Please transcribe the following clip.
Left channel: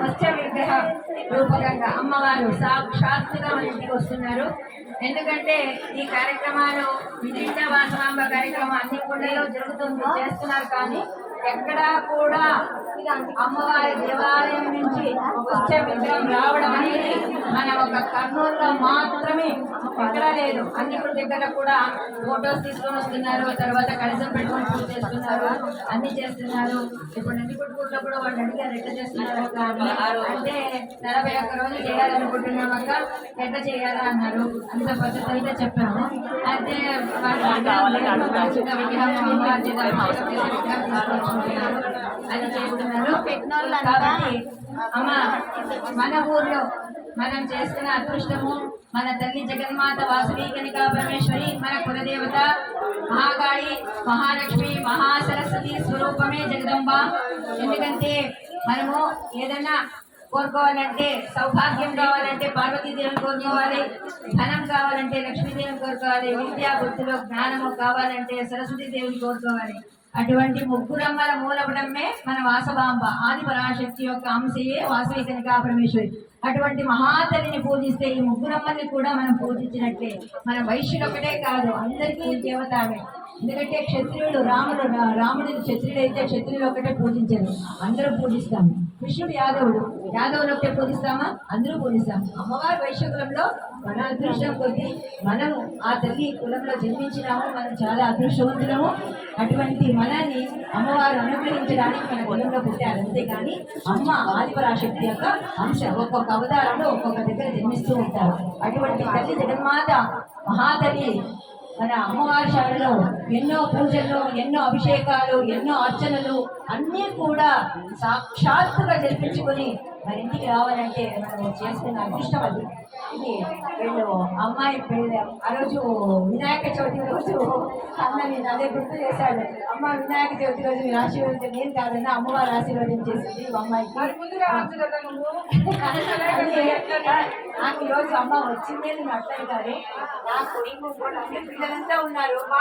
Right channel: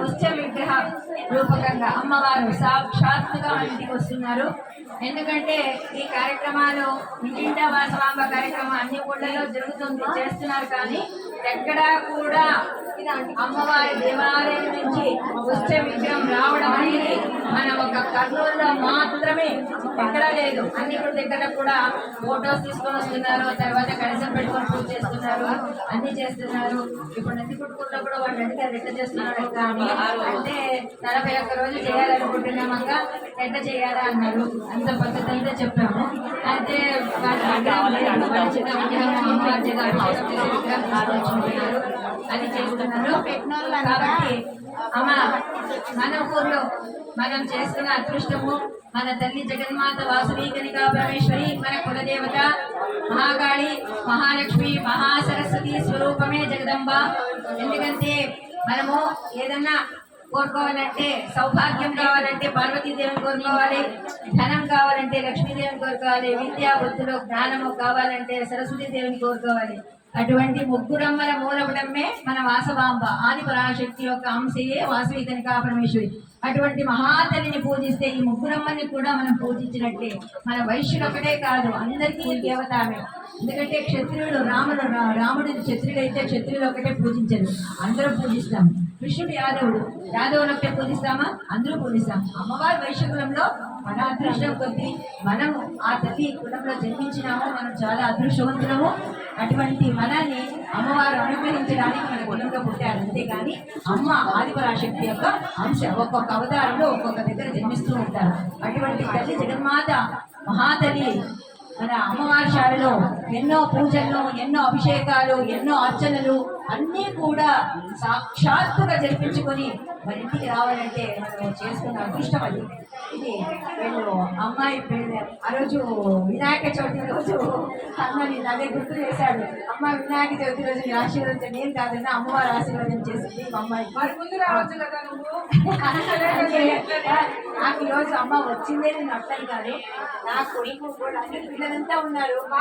మత్స్య విగ్రహ రూపకంగా అమ్మవారు సాక్షాత్తుగా మన ఇంటికి వస్తున్నారు. ఎందుకంటే ఈ కార్యక్రమాలు ఇంటింటా వాసవాంబ కార్యక్రమం అన్ని ఊళ్ళలో జరుగుతుంది, చేస్తున్నారు. కానీ ఎక్కడా కూడా అమ్మవారి దేవాలయం నుంచి మత్స్య విగ్రహం రావడం అనేది మన ఒక కర్నూలులో మాత్రమే, ఎక్కడా లేదు. అన్ని దగ్గర కూడా ఫొటోస్ తీసుకొని వస్తున్నారు, తర్వాత కనీసం పెట్టుకొని పూజ చేస్తున్నారు, అన్ని చేస్తున్నారు. ఇప్పుడు నందికొట్కూరులో కూడా వాళ్ళు అడిగారు ఎట్లా చేస్తున్నారు అక్క అని. అంటే 41 రోజులు చేయాలనుకుంటున్నామక్క, ఎట్లా చేయాలా అన్నారు. అంత పద్ధతి అయితే చెప్పాము. అయితే చిన్న విగ్రహం అమ్మవారి అది చేస్తున్నారు. కాబట్టి అమ్మ, మన ఊర్లో మనం చేసుకున్న అదృష్టము, మన తల్లి జగన్మాత వాసవి కనికా పరమేశ్వరి, మన కులదేవత మహాకాళి, మహాలక్ష్మి, మహాసరస్వతి స్వరూపమే జగదంబ. ఎందుకంటే మనము ఏదన్నా కోరుకోవాలంటే, సౌభాగ్యం కావాలంటే పార్వతీదేవిని కోరుకోవాలి, ధనం కావాలంటే లక్ష్మీదేవిని కోరుకోవాలి, విద్యా బుద్ధులు జ్ఞానము కావాలంటే సరస్వతీదేవిని కోరుకోవాలి. అటువంటి ముగ్గురమ్మల మూలపడమే మన వాసవాంబ, ఆది పరాశక్తి యొక్క అంశయే వాసవి కనికా పరమేశ్వరి. అటువంటి మహాతల్లిని పూజిస్తే ఈ ముగ్గురమ్మని కూడా మనం పూజించినట్లే. మన వైశ్యులు ఒకటే కాదు, అందరికీ దేవత ఆమె. ఎందుకంటే క్షత్రియుడు రాముడు క్షత్రియుడైతే క్షత్రియులు ఒకటే పూజించరు, అందరూ పూజిస్తాం. కృష్ణుడు యాదవులు ఒకటే పూజిస్తామా? అందరూ పూజిస్తాం. అమ్మవారి వైశ్యకులంలో మన అదృష్టం కొద్ది మనము ఆ తల్లి కులంలో జన్మించినాము, మనం చాలా అదృష్టవంతులము. అటువంటి మనల్ని అమ్మవారు అనుగ్రహించడానికి మన కులంలో పుట్టారు. అంతేకాని అమ్మ ఆదిపరాశక్తి యొక్క అంశ ఒక్కొక్క అవతారంలో ఒక్కొక్క దగ్గర జన్మిస్తూ ఉంటారు. అటువంటి తల్లి జగన్మాత మహాతల్లి మన అమ్మవారి శాలలో ఎన్నో పూజలు, ఎన్నో అభిషేకాలు, ఎన్నో అర్చనలు అన్నీ కూడా సాక్షాత్తుగా జరిపించుకొని మన ఇంటికి రావాలంటే మనం చేసుకున్న అదృష్టం అది. ఇది వీళ్ళు అమ్మాయి పెళ్ళి ఆ రోజు వినాయక చవితి రోజు అన్నని అదే గుర్తు చేశాడు. అమ్మ వినాయక చవితి రోజు నేను ఆశీర్వదించాను, ఏం కాదన్నా అమ్మవారు ఆశీర్వాదం చేసింది అమ్మాయికి. నాకు ఈరోజు అమ్మ వచ్చిందే నేను అర్థం కాదు. నాకు పిల్లలంతా ఉన్నారు.